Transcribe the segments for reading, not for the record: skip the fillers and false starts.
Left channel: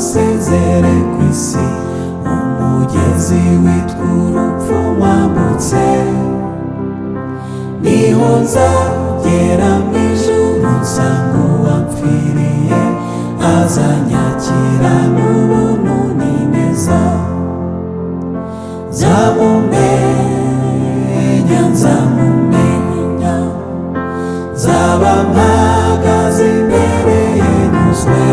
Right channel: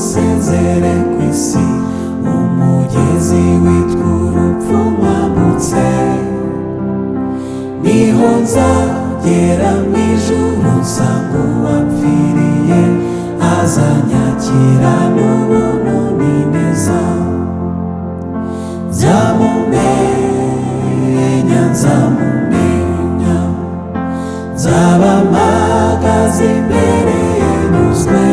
musezere ku isi, umugezi witwa urupfu mwambutse. Niho nzagera mu ijuru nsanga uwapfiriye azanyakira n'ubuntu n'ineza. Nzamumenya, nzamumenya, nzaba mpagaze imbere ye nyuzwe.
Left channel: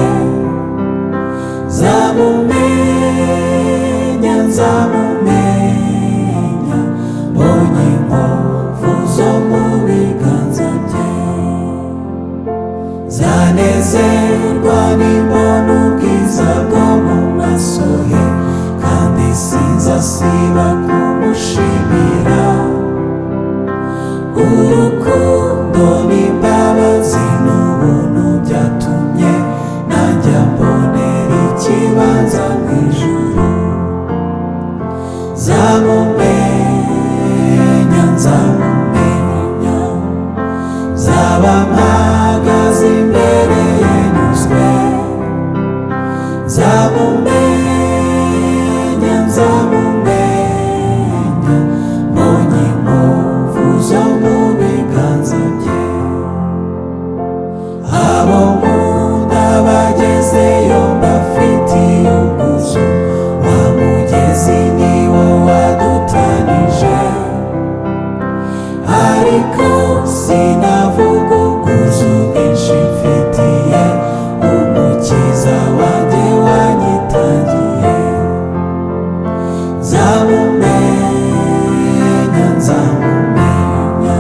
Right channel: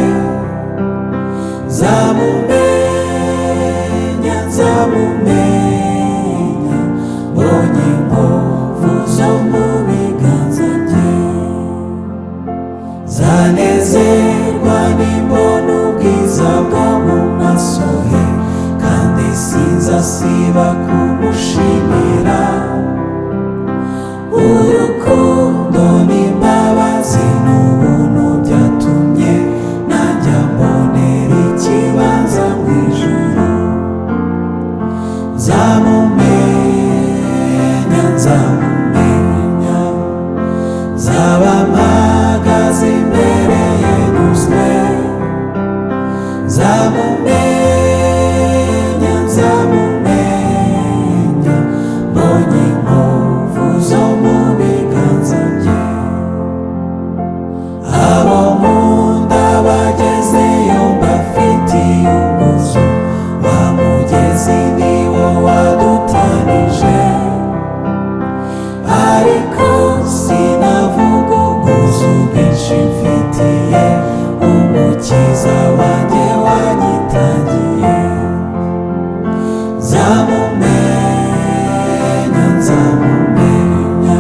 Nzamumenya, nzamumenya, mbonye inkovu zo mu biganza bye. Nzanezerwa nimbona ubwiza bwo mu maso he, kandi sinzasiba kumushimira. Urukundo n'imbabazi n'ubuntu byatumye najya mbonera ikibanza mu ijuru. Nzamumenya, nzamumenya, nzaba mpagaze imbere ye nyuzwe. Nzamumenya, nzamumenya, mbonye inkovu zo mu biganza bye. Abo nkunda bagezeyo mbafitiye ubwuzu, wa mugezi ni wo wadutanije. Ariko sinavuga ubwuzu bwinshi mfitiye umukiza wanjye wanyitangiye. Nzamumenya, nzamumenya,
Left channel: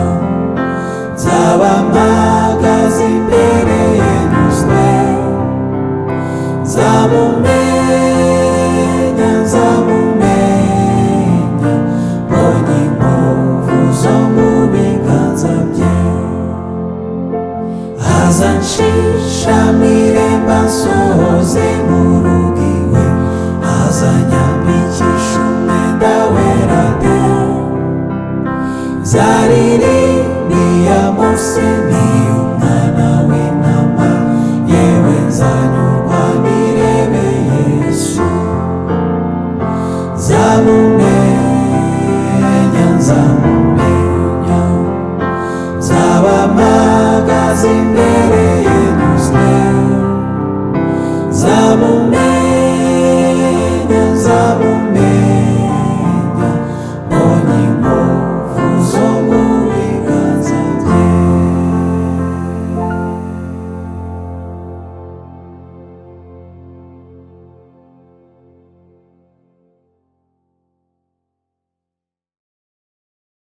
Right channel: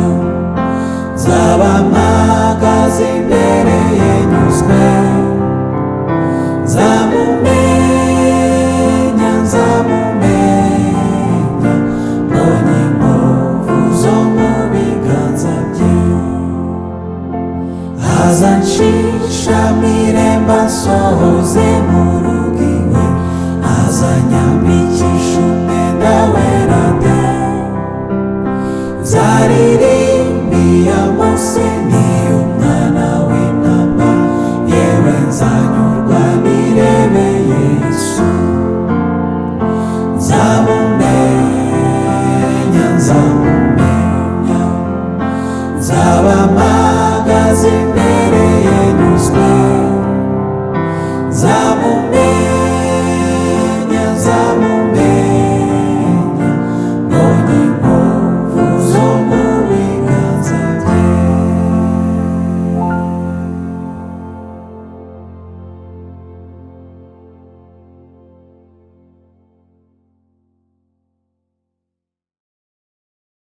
nzaba mpagaze imbere ye nyuzwe. Nzamumenya, nzamumenya, mbonye inkovu zo mu biganza bye. Azanshisha mu irembo ansohoze mu rugo iwe, azanyambikisha umwenda wera de. Nzaririmbiye Mose ni umwana w'intama, yewe nzanyurwa nirebeye Yesu. Nzamumenya, nzamumenya, nzaba mpagaze imbere ye nyuzwe. Nzamumenya.